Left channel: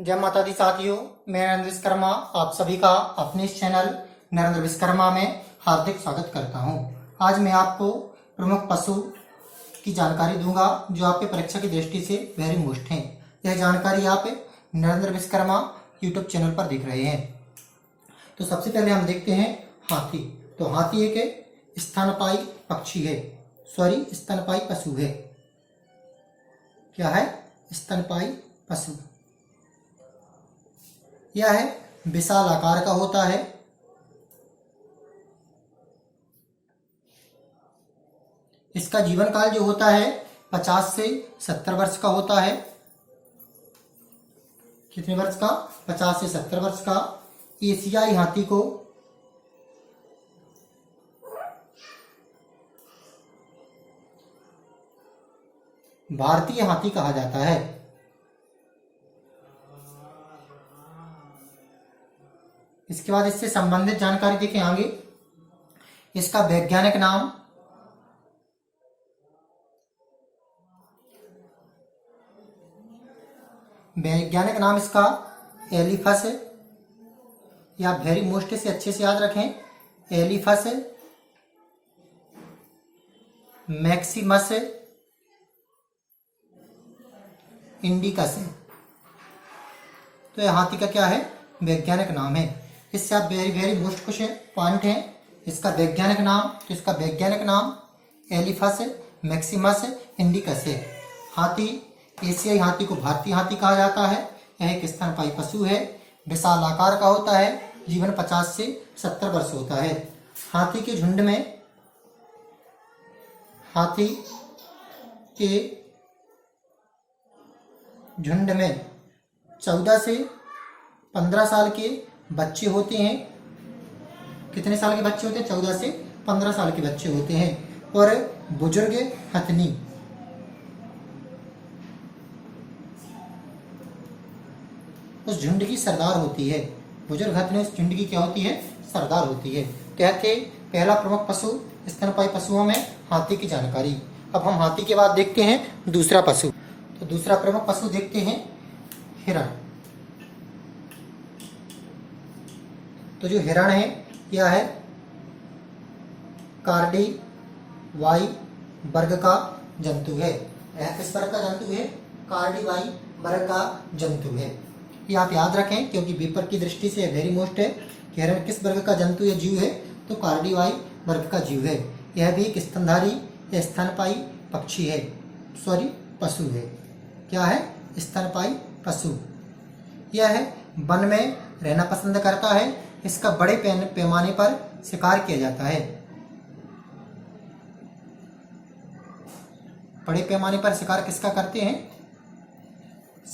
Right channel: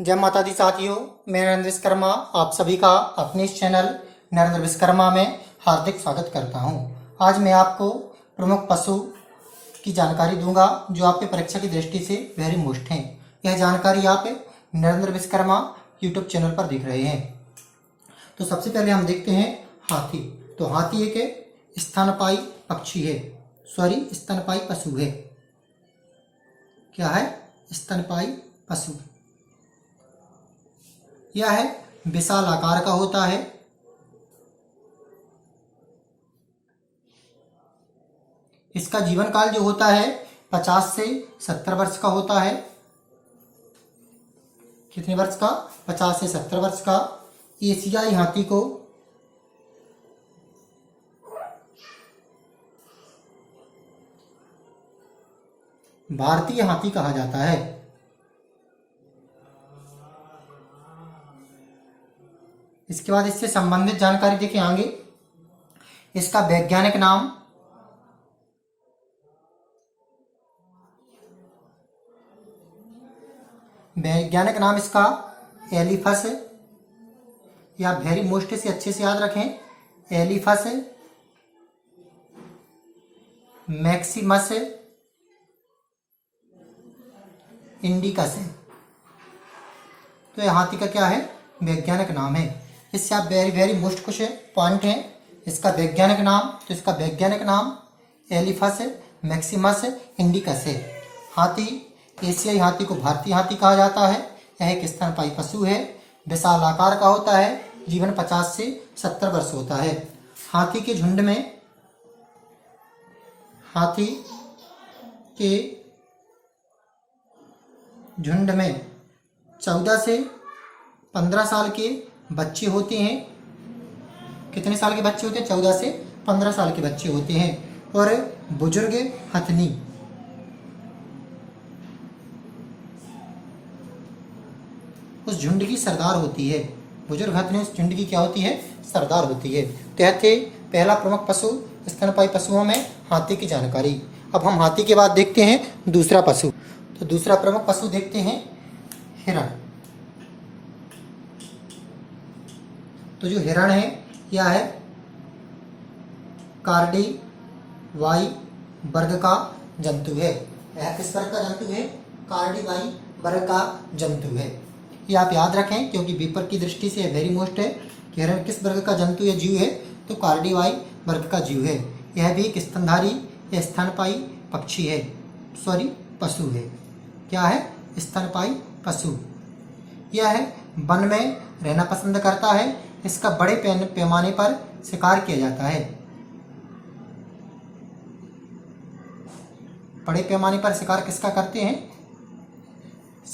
जय माता दी साथियों, मैं नरेंद्र विश्वकर्मा आप सभी का अपने इस चैनल नरेंद्र विश्वकर्मा में हार्दिक स्वागत करता हूं। आज मैं आपको प्रमुख पशु की जानकारी दूंगा जो आपके परीक्षा की दृष्टि से वेरी मोस्ट हैं। यह जानकारी आप नरेंद्र विश्वकर्मा यूट्यूब चैनल पर देख रहे हैं। तो सबसे पहले हम देखते हैं हाथी। तो हाथी एक स्तनपायी पक्षी है, स्तनपायी पशु है। क्या है? स्तनपायी पशु। यह है विशाल आकार का होता है। इसका जीवन काल जो होता है 50 से 70 वर्ष का होता है। कितने वर्ष का? 50 से 70 वर्ष का। एशियाई हाथी को भारतीय हाथी कहा जाता है। इसके बाद इससे संबंधित जानकारी देखें आगे। इसका वैज्ञानिक नाम इसका एलिफस है, या वेरी मोस्ट से अच्छे से याद रखें। एलिफस मैक्सिमस इंडिकस है। तो यह हाथी का क्या है? वैज्ञानिक नाम है। इससे आप वेरी मोस्ट कुछ पॉइंट हैं। इसका वैज्ञानिक नाम, तो इसका वैज्ञानिक नाम एलिफस मैक्सिमस इंडिकस है। हाथी, एशियाई हाथी को भारतीय हाथी कहा जाता है। यह एक स्तनपायी पशु है, विशाल आकार का होता है, जीवन 50 से 70 वर्ष होता है। हाथी के झुंड में 14 से 15 साल के बच्चे होते हैं। कितने साल के बच्चे होते हैं? 14 से 15 साल के बच्चे होते हैं। और बुजुर्ग हथनी उस झुंड की सरदार होती है। बुजुर्ग हथनी उस झुंड की क्या होती है? सरदार होती है। तो यह थे पहला प्रमुख पशु स्तनपायी पशुओं में हाथी की जानकारी। अब हम हाथी के बाद देखते हैं दूसरा पशु। तो दूसरा प्रमुख पशु देखते हैं हिरण। तो जो हिरण है यह है कार्डिवाई वर्ग का जंतु है। यह किस वर्ग का जंतु है? कार्डिवाई वर्ग का जंतु है। ये आप याद रखें क्योंकि पेपर की दृष्टि से वेरी मोस्ट है कि हिरण किस वर्ग का जंतु या जीव है? तो कार्डिवाई वर्ग का जीव है। यह भी एक स्तनधारी या स्तनपायी पक्षी है, पशु है। क्या है? स्तनपायी पशु। यह वन में रहना पसंद करता है। इसका बड़े पैमाने पर शिकार किया जाता है। बड़े पैमाने पर शिकार किसका करते हैं?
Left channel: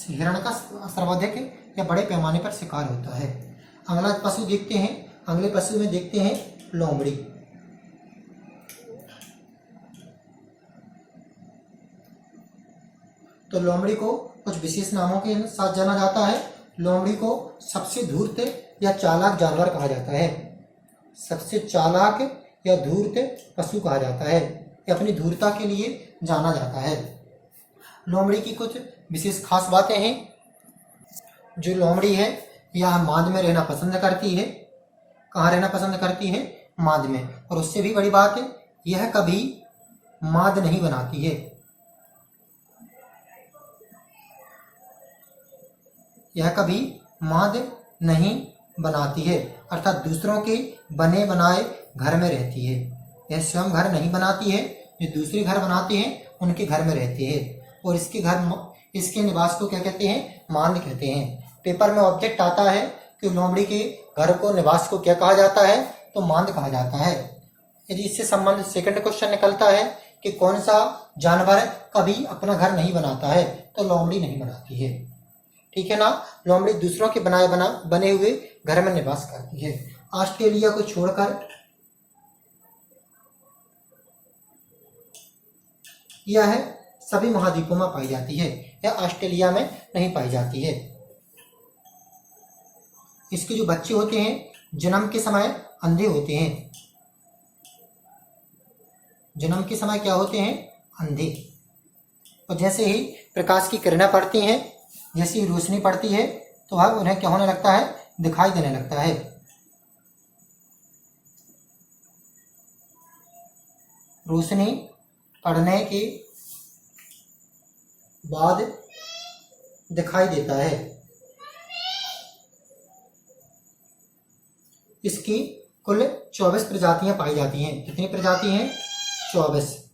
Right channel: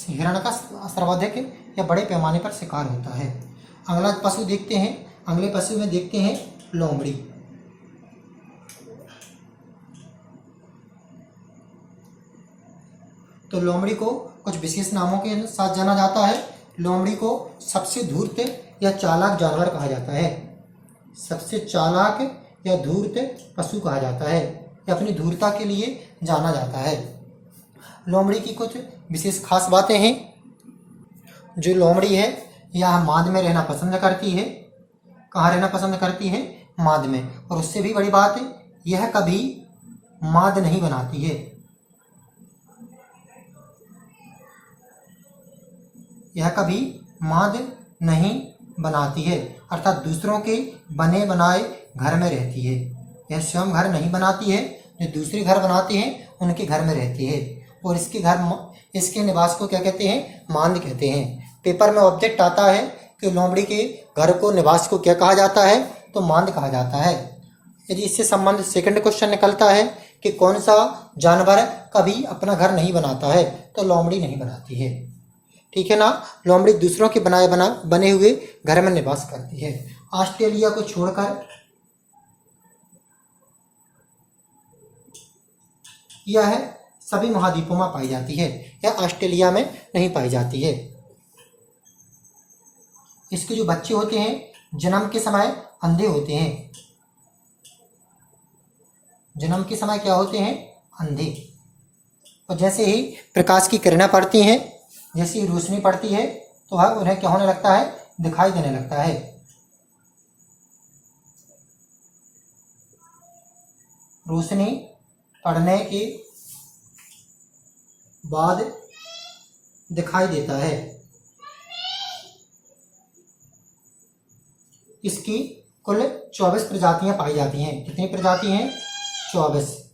हिरण का सर्वाधिक या बड़े पैमाने पर शिकार होता है। अगला पशु देखते हैं। अगले पशु में देखते हैं लोमड़ी। तो लोमड़ी को कुछ विशेष नामों के साथ जाना जाता है। लोमड़ी को सबसे धूर्त या चालाक जानवर कहा जाता है। सबसे चालाक या धूर्त पशु कहा जाता है। यह अपनी धूर्तता के लिए जाना जाता है। लोमड़ी की कुछ विशेष खास बातें हैं। जो लोमड़ी है यह माद में रहना पसंद करती है। कहाँ रहना पसंद करती है? माद में। और उससे भी बड़ी बात है, यह कभी माद नहीं बनाती है। यह कभी माद नहीं बनाती है, अर्थात दूसरों के बने बनाए घर में रहती है। यह स्वयं घर नहीं बनाती है, जो दूसरे घर बनाते हैं उनके घर में रहती है। और इसके निवास को क्या कहते हैं? मांद कहते हैं। पेपर में ऑब्जेक्ट आता है कि लोमड़ी के घर को, निवास को क्या कहा जाता है? तो मांद कहा जाता है। यदि इससे संबंधित सेकंड क्वेश्चन निकलता है कि कौन सा जानवर कभी अपना घर नहीं बनाता है? तो लोमड़ी नहीं बनाती है। ठीक है ना? लोमड़ी दूसरों के बने हुए घर में निवास करती है। ऑस्ट्रेलिया को छोड़कर यह सभी महाद्वीपों में पाई जाती है। यह ऑस्ट्रेलिया में नहीं पाई जाती है। इसके जो बच्चे होते हैं जन्म के समय अंधे होते हैं। जन्म के समय क्या होते हैं? अंधे। और जैसे ही प्रकाश की किरणें पड़ती हैं, जैसी रोशनी पड़ती है तो वह उन्हें क्या होने लगता है, दिखाई देने लगता है। रोशनी पड़ने के बाद दिखाई देता है। इसकी कुल 24 प्रजातियां पाई जाती हैं। कितनी प्रजाति हैं? 24।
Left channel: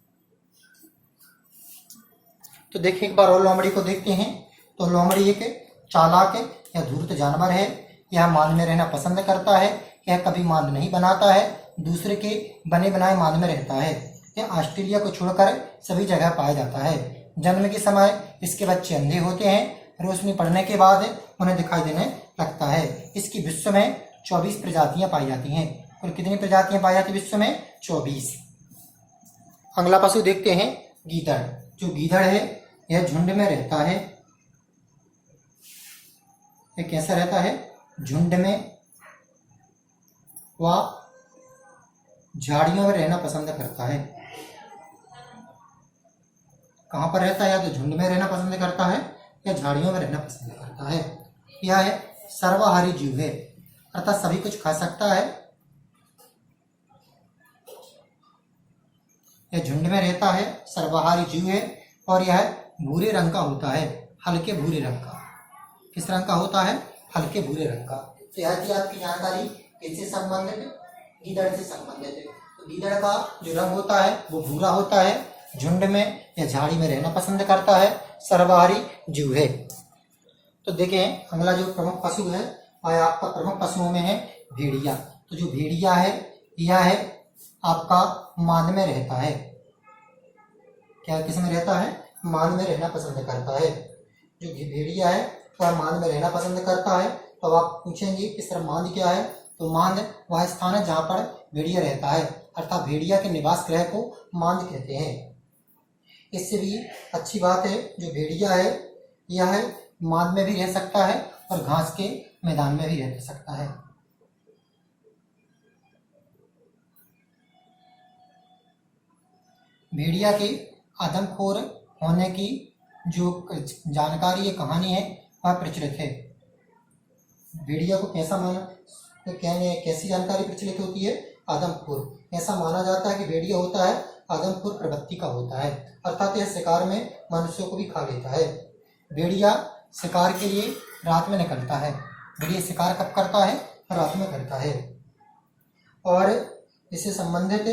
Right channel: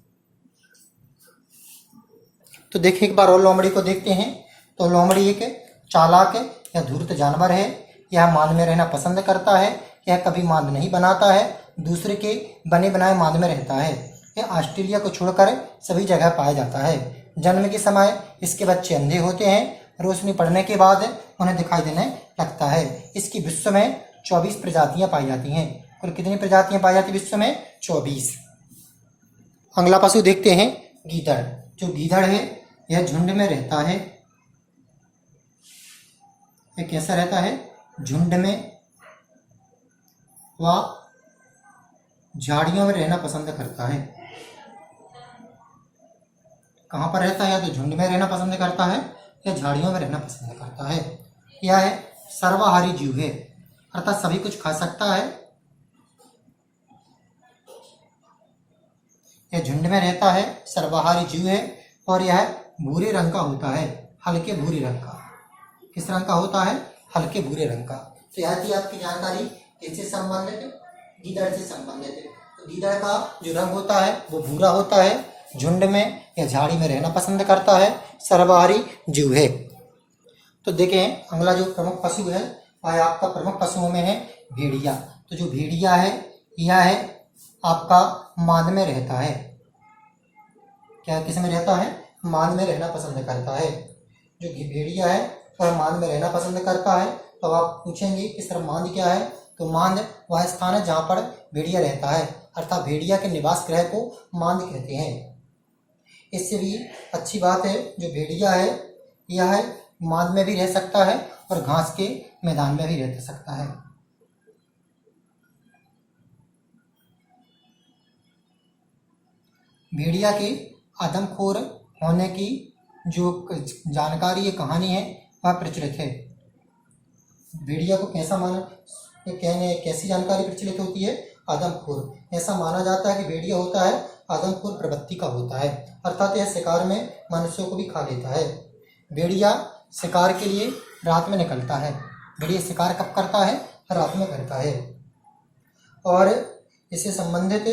तो देखिए एक बार और लोमड़ी को देखते हैं। तो लोमड़ी एक चालाक या धूर्त जानवर है। यह मांद में रहना पसंद करता है। यह कभी मांद नहीं बनाता है, दूसरे के बने बनाए मांद में रहता है। यह ऑस्ट्रेलिया को छोड़कर सभी जगह पाया जाता है। जन्म के समय इसके बच्चे अंधे होते हैं। रोशनी पड़ने के बाद उन्हें दिखाई देने लगता है। इसकी विश्व में 24 प्रजातियां पाई जाती हैं। और कितनी प्रजातियां पाई जाती विश्व में? 24। अगला पशु देखते हैं, गीदड़। जो गीदड़ है यह झुंड में रहता है। यह कैसा रहता है? झुंड में। वह झाड़ियों में रहना पसंद करता है। कहाँ पर रहता है? या तो झुंड में रहना पसंद करता है या झाड़ियों में रहना पसंद करता है। यह है सर्वाहारी जीव है, अर्थात सभी कुछ खा सकता है। यह झुंड में रहता है, सर्वाहारी जीव है और यह भूरे रंग का होता है, हल्के भूरे रंग का। किस रंग का होता है? हल्के भूरे रंग का। तो यह थी आपकी जानकारी किससे संबंधित? गीदड़ से संबंधित है। तो गीदड़ का जो रंग होता है वो भूरा होता है, झुंड में या झाड़ी में रहना पसंद करता है, सर्वाहारी जीव है। तो देखें अगला जो प्रमुख पशु है वह आपका प्रमुख पशुओं में है भेड़िया। तो जो भेड़िया है यह है आपका मांद में रहता है। क्या किस में रहता है? मांद में रहना पसंद करता है। जो भेड़िया है वह मांद में रहना पसंद करता है। तो आप पूछेंगे कि सर मांद क्या है? तो मांद वह स्थान है जहाँ पर भेड़िया रहता है, अर्थात भेड़िया के निवास गृह को मांद कहते हैं। इससे भी अच्छी बात है जो भेड़िया है यह मांद में भी रह सकता है और घास के मैदान में भी रह सकता है। भेड़िया के आदमखोर होने की जो जानकारी ये कहानी है वह प्रचलित है। भेड़िया को कैसी जानकारी प्रचलित होती है? आदमखोर। ऐसा माना जाता है कि भेड़िया होता है आदमखोर प्रवृत्ति का होता है, अर्थात यह शिकार में मनुष्यों को भी खा लेता है। भेड़िया शिकार के लिए रात में निकलता है। भेड़िया शिकार कब करता है? रात में करता है। और इससे संबंधित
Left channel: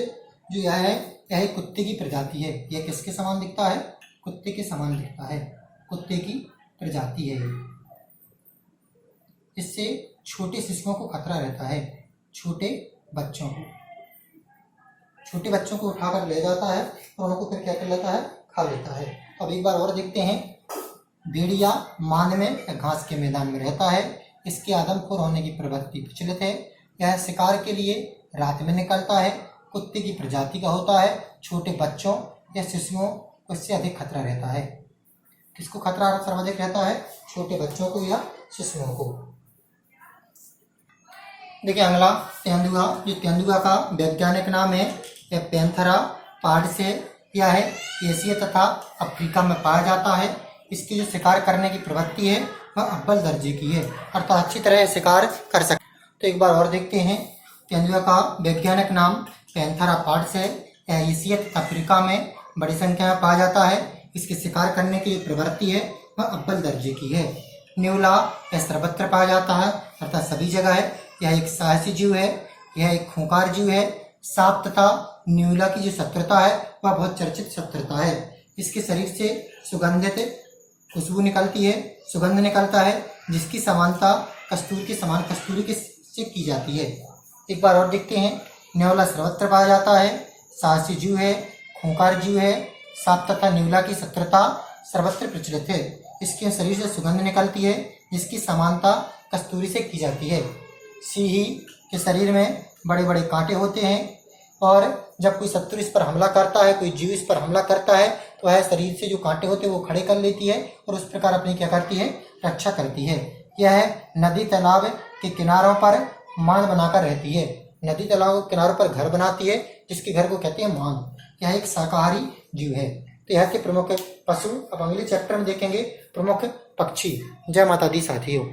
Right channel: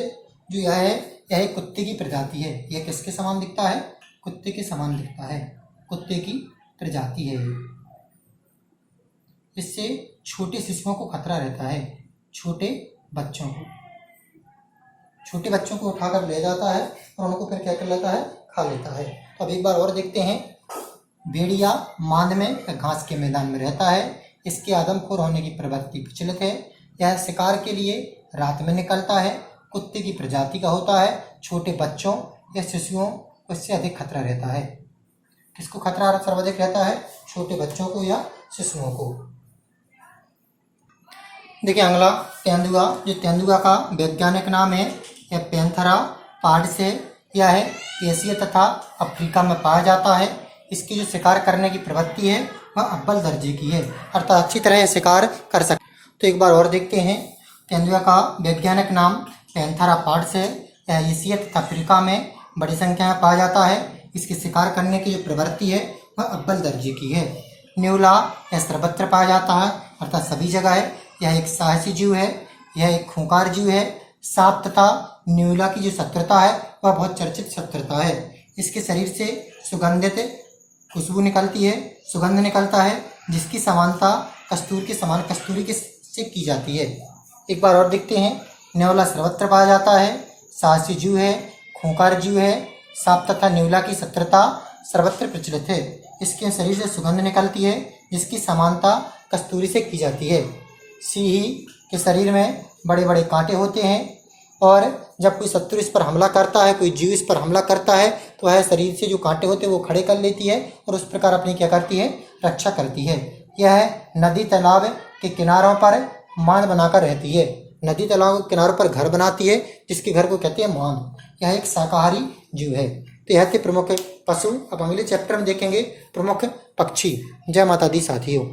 जो यह है यह एक कुत्ते की प्रजाति है। यह किसके समान दिखता है? कुत्ते के समान दिखता है। कुत्ते की प्रजाति है। इससे छोटे शिशुओं को खतरा रहता है। छोटे बच्चों को उठाकर ले जाता है और उनको फिर क्या कर लेता है? खा लेता है। अब एक बार और देखते हैं। भेड़िया मांद में घास के मैदान में रहता है। इसके आदमखोर होने की प्रवृत्ति प्रचलित है। यह शिकार के लिए रात में निकलता है। कुत्ते की प्रजाति का होता है। छोटे बच्चों या शिशुओं को इससे अधिक खतरा रहता है। किसको खतरा सर्वाधिक रहता है? छोटे बच्चों को या शिशुओं को। देखिए अगला तेंदुआ। जो तेंदुआ का वैज्ञानिक नाम है यह पैंथेरा पार्डिस है। यह है एशिया तथा अफ्रीका में पाया जाता है। इसकी जो शिकार करने की प्रवृत्ति है वह अव्वल दर्जे की है, अर्थात अच्छी तरह शिकार कर सकते। तो एक बार और देखते हैं। तेंदुआ का वैज्ञानिक नाम पैंथेरा पार्डिस है। यह एशिया तथा अफ्रीका में बड़ी संख्या में पाया जाता है। इसकी शिकार करने की जो प्रवृत्ति है वह अव्वल दर्जे की है। न्यूला यह सर्वत्र पाया जाता है, अर्थात सभी जगह है। यह एक साहसी जीव है। यह एक खूंखार जीव है। सांप तथा न्यूला की जो शत्रुता है वह बहुत चर्चित शत्रुता है। इसके शरीर से सुगंधित खुशबू निकलती है, सुगंध निकलता है, जिसकी समानता कस्तूरी के से की जाती है। एक बार और देखते हैं। न्यूला सर्वत्र पाया जाता है, साहसी जीव है, खूंखार जीव है। सांप तथा न्यूला की शत्रुता सर्वत्र प्रचलित है। इसके शरीर से सुगंध निकलती है, जिसकी समानता कस्तूरी से की जाती है। सिंही के शरीर में बड़े बड़े कांटे होते हैं और जब कोई शत्रु इस पर हमला करता है, कोई जीव इस पर हमला करता है तो वह शरीर से जो कांटे होते हैं वो खड़े कर लेती है और उस प्रकार अपनी क्या करती है? रक्षा करती है। यह नदी तालाब के किनारों पर मांद बनाकर रहती है। नदी तालाब के किनारों पर घर बनाती है, जिसके घर को कहते हैं मांद। यह एक शाकाहारी जीव है। तो यह थे प्रमुख पशु। अब अगले चैप्टर में देखेंगे प्रमुख पक्षी। जय माता दी साथियों।